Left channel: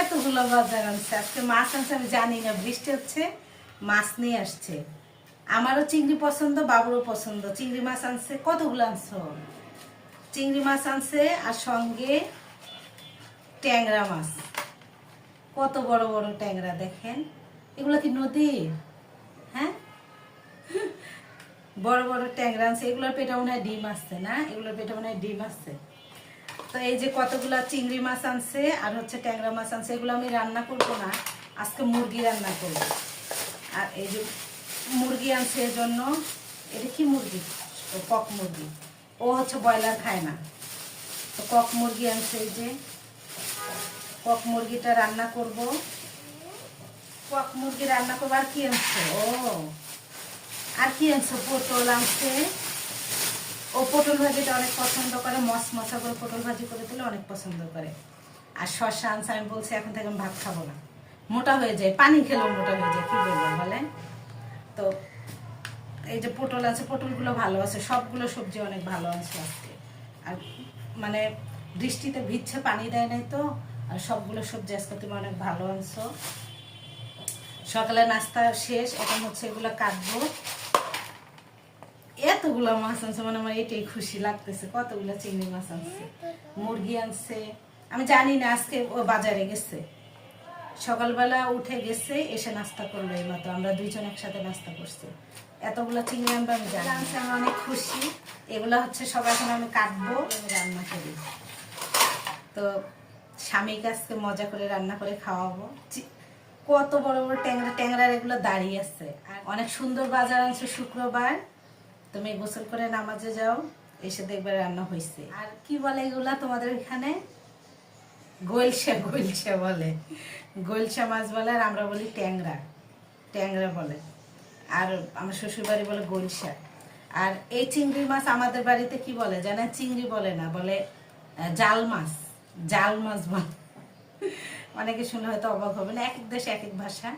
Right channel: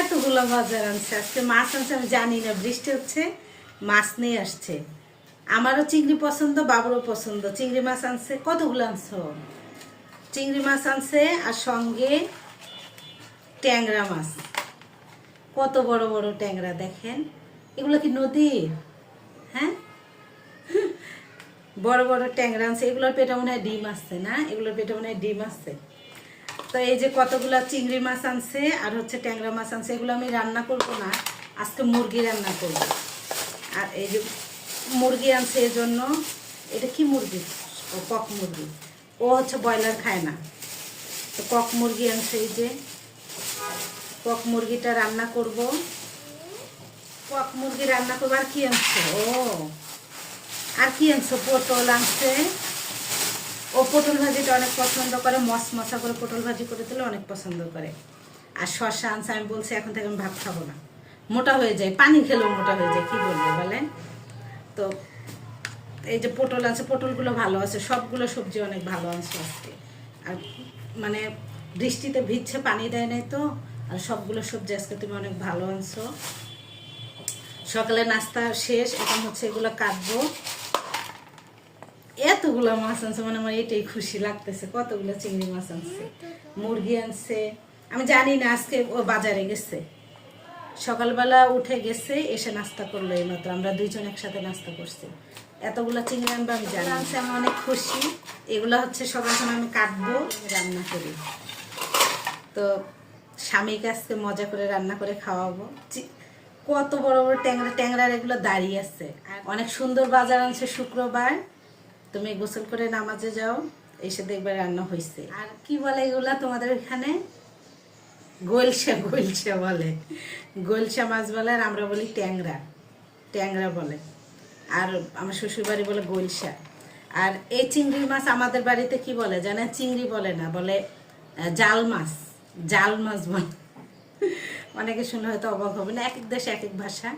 এতগুলো বাজার আনছে, আজকে মাছ আনছে আমি জানি না, বৃষ্টি হচ্ছে মাছ নিয়ে আসছে। আমারও চিংড়ি পছন্দ, বাবুরও পছন্দ। চিংড়ি মাছ আনছে, কতগুলো আনছো? চিংড়ি মাছ আনছে আর সঙ্গে ট্যাংরা মাছ, কত বড় বড় ট্যাংরা দেখেন। এগুলো কি নদীর? হ্যাঁ, বড় বড় ট্যাংরা আনছে। এগুলোর পেটে মনে হয় ডিম আসছে না, এগুলোর পেটে মনে হয় ডিম আসছে। তো এই যে কতগুলো চিংড়ি মাছ আনছে আর হচ্ছে ট্যাংরা মাছ আনছে, এগুলো আমি রান্না করবো না, আজকে মুরগি রান্না করব। আর এই যে মুরগি আনছে এজন্য, এটা কি মুরগি? ও কক মুরগি, ও হচ্ছে ব্রয়লার খায় না, তো কক মুরগি আনছে। এই যে কক মুরগিটা রান্না করব, কক মুরগি রান্না করবো। আর কি আনছে? ও আর কি আনছে? পটল আনছে। ও পটল ভাজিটা অনেক পছন্দ করে, মশমশা করে পটল ভাজি করে দিলে অনেক পছন্দ করে। আর শসা আনছে, আমি বলছি এখন থেকে আমি ভাত খাবো না, মোটা হয়ে যায়, পানি খেলেও মোটা হয়ে যায়, কি বলবো বলেন। তো এই যে পটল আছে, পটলগুলো ভালো আছে, সবগুলো সবজি অনেক ভালো আছে আজকে। আর মানে বৃষ্টিতে ভিজছে, পানি দেয় নাই তো, আর সবগুলো সবজি আজকে তুমি অনেক ভালো আনছো। সকালে নাস্তা শেষ, এখন হচ্ছে এগুলো কাটবো। এতগুলো মাছ আনছে, মানে আমার এটাই খুশি লাগতেছে। কতগুলো চিংড়ি মাছ আনছে, মুরগি আনছে। আমি জানি না, আজকে ও বাজারে গেছে, সকালবেলা উঠে গেছে, এসে নাস্তা করলো এইমাত্র। আমরা দুইজন একসাথে নাস্তা করছি। এতগুলো চিংড়ি আনবে আমি জানি, আনছে, আমি অনেক খুশি। এগুলো হচ্ছে সব এখন আমি কাটবো, রান্না করি। তো স্বামীকে আজকে মজা করে রান্না করে খাওয়াবো। কত বড় বড় ট্যাংরা, ট্যাংরার এগুলো দাঁড়িয়ে আছে। আর অনেক সুন্দর বাজার আনছে। শুক্রবার তুমি গোসল করে নামাজে যাও, এসে দেখবে রান্না হয়েছে। আর কি বলে এগুলা তোমাদের এখানে? গোলসা, গোলসা বলে, গোলসা মাছ বলে। আর আমরা বলি ট্যাংরা, ট্যাংরা বলে। আর আমার শ্বশুর বাড়ি বলে গোলসা। আর এই চিংড়ি মাছ আমাদের বাড়িতে কি বলে জানেন? চিংড়ি বলে না, বলে জাল মাছ, জাল মাছ বলে। অনেকে শুনে হয়তো অবাক হবে না, এক এক দেশে এক এক ভাষা।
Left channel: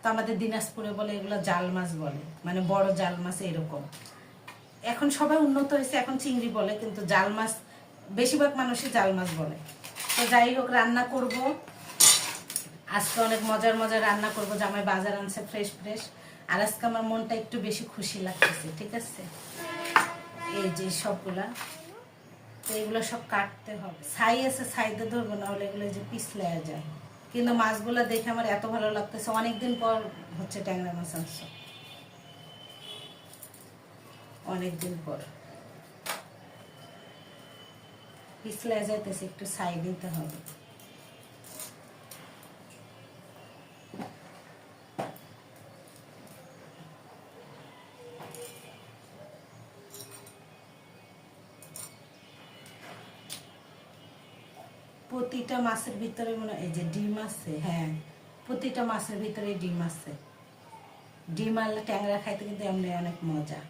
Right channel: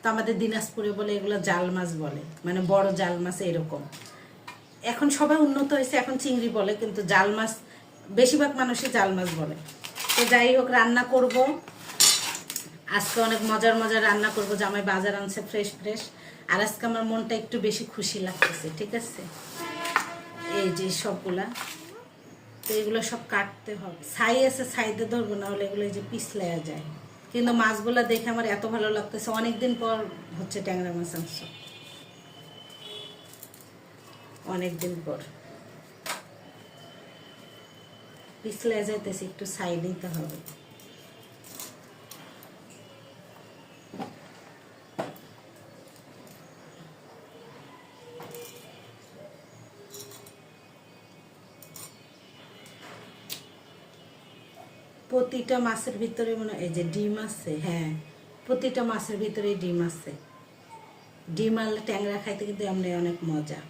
তো আমাদের দিনাজপুরে বলে এগুলো জাল মাছ বলে, মানে বড় জাল মাছ এরকম। এখন সবাই উন্নত হয়েছে, এখন চিংড়ি বলে, কিন্তু জাল মাছ বেশিরভাগ মানুষই জাল মাছ বলে। তো যাই হোক, রান্না করব আজকে, অনেক মজার মজার রান্না করব। জামাই বাজার আনছে ফ্রেশ ফ্রেশ। আর আজকে আমার মনটা একটু বেশি খুশি লাগতেছে, ঠিক আছে। এই যে সবগুলা, তো এগুলো সব কাটতে হবে। ছাই আছে, ছাইতে ধরবো, না হলে এগুলো এই যে পিছলে যায়। কিন্তু মাছগুলো দেখে আমার এত ভালো লাগতেছে, অনেকদিন পর হচ্ছে ট্যাংরা মাছ আনছে, অনেকদিন পর। পিছলে যাইতেছে, একটু ছাই দিতে হবে। প্রতিটা মাছের ভিতরে মনে এই যে ডিম আছে, হ্যাঁ, প্রতিটা মাছের ভিতরে ডিম আছে। ডিম আনলে ট্যাংরা খাইতে কিন্তু এমনি অনেক মজা।